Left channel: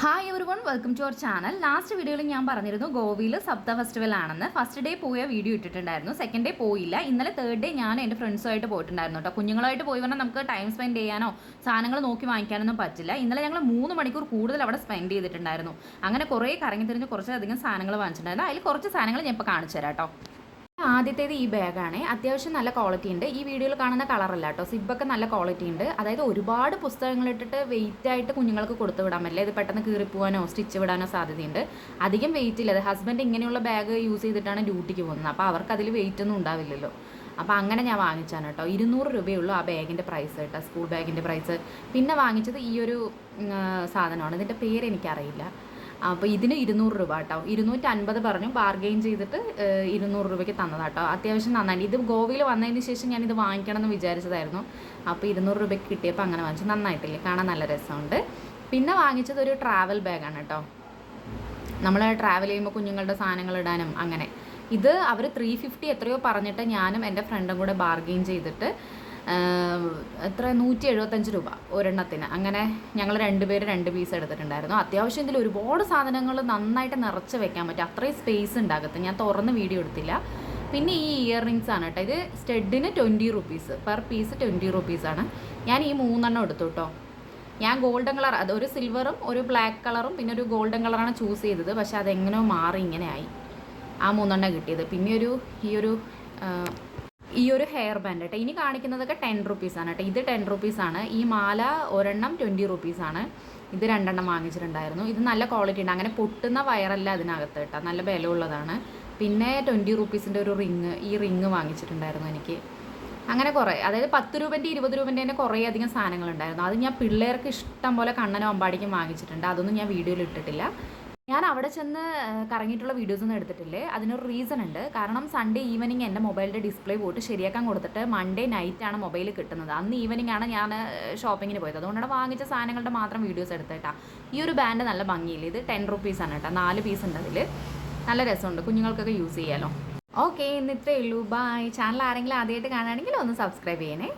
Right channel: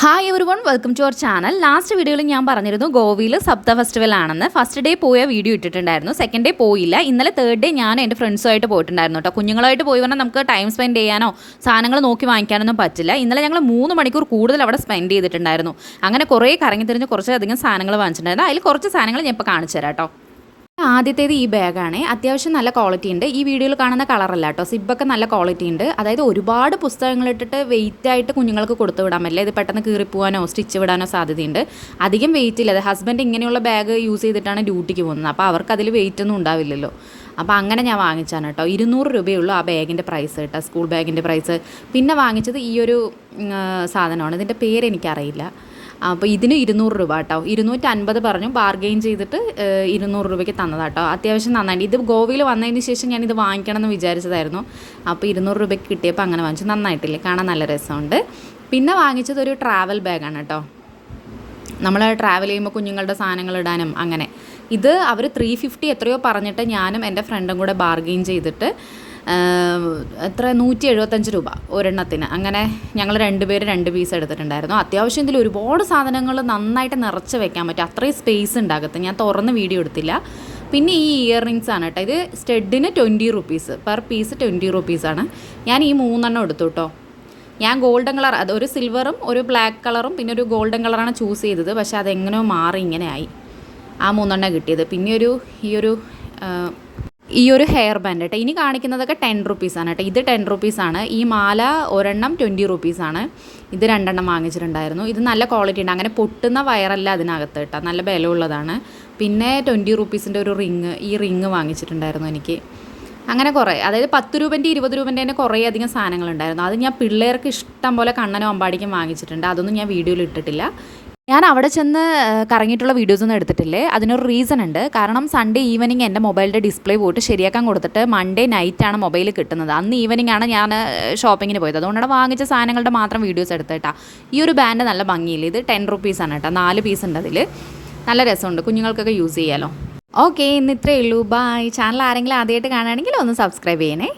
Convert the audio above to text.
Hi everyone, welcome to our channel. Last വീഡിയോയിൽ ഞാൻ പറഞ്ഞിരുന്നു ഗോവയിൽ സപ്ത ഫെസ്റ്റിവൽ ആണെന്ന്. ഫസ്റ്റ് ഡേ പോയ വീഡിയോ ഇട്ടിട്ടുണ്ടായിരുന്നു, സെക്കൻഡ് ഡേ പോയില്ല. ഇന്നലെ തേർഡ് ഡേ ഞാൻ എൻ്റെ ഫ്രണ്ട്സുമായിട്ട് പോയിട്ടുണ്ടായിരുന്നു കേട്ടോ. കുഞ്ഞുങ്ങളായിട്ട് പോയി പറഞ്ഞാൽ നമുക്ക് ടൈം സ്പെൻഡ് ചെയ്യാനോ സാധനങ്ങൾ നോക്കി വാങ്ങിക്കാനൊന്നും പറ്റില്ല. ഇന്നലെ ഞങ്ങൾ 3 മണിക്കൂർ കൂടുതൽ അവിടെ സ്പെൻഡ് ചെയ്തിട്ടുണ്ടായിരുന്നു. അങ്ങനെ കുറേ കറങ്ങി തിരിഞ്ഞ് കുറച്ചധികം സാധനങ്ങൾ വാങ്ങിച്ചിട്ടുണ്ടായിരുന്നു. അതിൽ കുറച്ച് സാധനങ്ങൾ ഞാൻ ഇപ്പോൾ കാണിച്ചു തരാം കേട്ടോ. ആദ്യത്തേത് ഈ ബാഗാണ്. അത്യാവശ്യം നല്ല ക്വാളിറ്റി ഉണ്ട്. ഈ വീഡിയോയിൽ കാണുന്ന കളറല്ല കേട്ടോ, സിബൊക്കെ നല്ല ക്വാളിറ്റി ഉണ്ട്. അതായത് ഒരുപാട് പുസ്തകങ്ങൾ ഇട്ടിട്ട് വെയിറ്റ് ആയിട്ട് കുഞ്ഞുങ്ങൾക്ക് കൊടുത്തു വിടാൻ പറ്റില്ല. ഇത് പെട്ടെന്ന് കീറിപ്പോവാനോ സ്റ്റിച്ച് വിടാനോ സാധ്യതയുണ്ട്. അധികം വെയിറ്റ് ഇല്ല. അത് ഹസ്ബൻഡ് ഇങ്ങനെയുള്ള ബാഗ് യൂസ് ചെയ്തിട്ടാണ് ഡ്യൂട്ടിക്ക് പോകുന്നത്. അപ്പോൾ അവർക്ക് അതിൽ വെയിറ്റ് ഒന്നും ഉണ്ടാവില്ലല്ലോ. അപ്പോൾ അങ്ങനെ ഞാൻ വാങ്ങിച്ചാണ് കേട്ടോ. 200 രൂപയുള്ളൂ ആ ബാഗിൻ്റെ പ്രൈസ് കേട്ടോ, സ്കൂൾ ബാഗിൻ്റെ പ്രൈസ്. പിന്നെ വാങ്ങിച്ചത് ഈ ഒരു സാധനമാണ്. ഇതിൻ്റെ പേര് എനിക്കറിയില്ല. അപ്പോൾ ഇതിന് 200 രൂപ കേട്ടോ. 250 പറഞ്ഞു, ബാർഗെയിൻ ചെയ്തിട്ട് 200 രൂപയ്ക്ക് തന്നതാട്ടോ. അത്യാവശ്യം നന്നായിട്ട്. ഇത് ഗോവയിൽ വന്നതിന് ശേഷം ഞാനിത് വാങ്ങിക്കണം എന്ന് വിചാരിച്ചതായിരുന്നു. അപ്പോൾ 200 രൂപയ്ക്ക് കിട്ടിയപ്പോൾ അങ്ങനെ വാങ്ങിച്ചു. നന്നായിട്ടില്ലേ, കാണാൻ നല്ല രസമുണ്ട്. പിന്നെ വാങ്ങിച്ചത് ഒരു ട്രാവൽ ബാഗാണ് കേട്ടോ. നമ്മൾ ട്രാവൽ ചെയ്യുമ്പോൾ കുഞ്ഞുങ്ങളുടെ സാധനങ്ങൾ ഇടാനും അങ്ങനെ. ഇത് അവർ 350 എത്രയോ പറഞ്ഞിട്ട് ഞാനും എൻ്റെ ഫ്രണ്ടും കൂടെ ബാർഗെയിൻ ചെയ്തിട്ട് എത്ര 175 രൂപ ഒരെണ്ണത്തിന്. അങ്ങനെ ഞങ്ങൾ 2 പേര് 2 പീസ് എടുത്തിട്ടുണ്ടായിരുന്നു. അത്യാവശ്യം ഇതിൽ ഒരുപാട് സാധനങ്ങൾ നന്നായിട്ട് നിറച്ച് വെക്കാൻ പറ്റും. അത്രയും സ്പേസ് ഉണ്ടാകത്ത്. ഞാൻ തുറന്ന് വീഡിയോ എടുത്തില്ല. പിന്നെ ഈ ഇയർ റിങ്സ് ആണ് കേട്ടോ. ഇത് സ്റ്റഡിന് 20 റുപ്പീസ്, പെർ പീസ് 20 റുപ്പീസാണ്. ഞാൻ ഈ 3 എടുത്തു കേട്ടോ. ഞാൻ ഗോൾഡൻ കളർ, അത് ഒരു സിൽവറും ഒരു ബ്ലാക്ക് കളറും പിന്നെ ഒരു ഗോൾഡൻ കളറാണ് ചൂസ് ചെയ്തത്. പക്ഷേ അതെങ്ങനെയോ മാറി ഇങ്ങനെ ആയി. ആ 3 കിട്ടിയത്. പിന്നെ ഈ ഒരു ഹെയർ ബാൻഡ് കേട്ടോ. ഇനി കാണിക്കുന്നതൊക്കെ 10 റുപ്പീസാണ് കേട്ടോ. ഇത് 10 റുപ്പീസാണ്. ഈ മാല ഒരെണ്ണം 20 റുപ്പീസാണ്. ഇത് 2 വാങ്ങിച്ചിട്ടുണ്ടായിരുന്നു. ഇത് നല്ല ക്വാളിറ്റി ഉണ്ട്. അങ്ങനെ പൊട്ടുന്ന വയറല്ല അതിനകത്ത് കേട്ടോ, നല്ല ബലമുള്ളതാണ്. പിന്നെ 20 റുപ്പീസിൻ്റെ ഒരു റിങ്, ഈ റിങ് വാങ്ങിച്ചിട്ടുണ്ടായിരുന്നു എനിക്ക്. അങ്ങനെ കുറേ, അതായത് 10 രൂപൻ്റെ 20 രൂപൻ്റെ തന്നെ കുറേ അധികം സാധനങ്ങളുണ്ടായിരുന്നു. അത് ഞാൻ പിള്ളേർക്ക് ഇഷ്ടം പോലെ കണ്ണനും അമ്പാടിക്കും വാങ്ങിച്ചിട്ടുണ്ട്. അതൊന്നും ഞാൻ വീഡിയോയിൽ ഇട്ടിട്ടില്ല. ഞാൻ അവിടെ ചെന്ന് കറങ്ങിയിട്ടുള്ള വീഡിയോസൊന്നും എടുത്തിട്ടില്ലേ. അതിനൊരു റീസൺ ഉണ്ട്. കാരണം സൺഡേ ഈവനിങ് എൻ്റെ മൊബൈലിൻ്റെ ഡിസ്പ്ലേ പോയിട്ട് ശരിയാക്കാൻ കൊടുത്തിട്ട് മൺഡേ നൈറ്റാണ് മൊബൈൽ കിട്ടുന്നത്. അന്ന് ഈവനിങ് ആണ് ഞാൻ ഷോപ്പിങ്ങിന് പോയത്. അതുകൊണ്ടാണ് വാങ്ങിച്ച സാധനങ്ങളുടെ മാത്രം വീഡിയോസ് എടുത്തിട്ടാ. ഈ ഒരു ബാൻഡ് നല്ല ഭംഗിയില്ല. ഇത് 10 റുപ്പീസാണ് കേട്ടോ. 4 പീസ് ഉണ്ട് അതിൽ. നല്ല രസമുണ്ട്, കുഞ്ഞുങ്ങൾക്കൊക്കെ യൂസ് ചെയ്യാമല്ലോ. ഓക്കെ, ഇന്ന് ഇത്രയേ ഉള്ളൂ. ബൈ. ചാനൽ ആരെങ്കിലും ആദ്യമായിട്ട് കാണുകയാണെങ്കിൽ ഒന്ന് സബ്സ്ക്രൈബ് ചെയ്യണേ.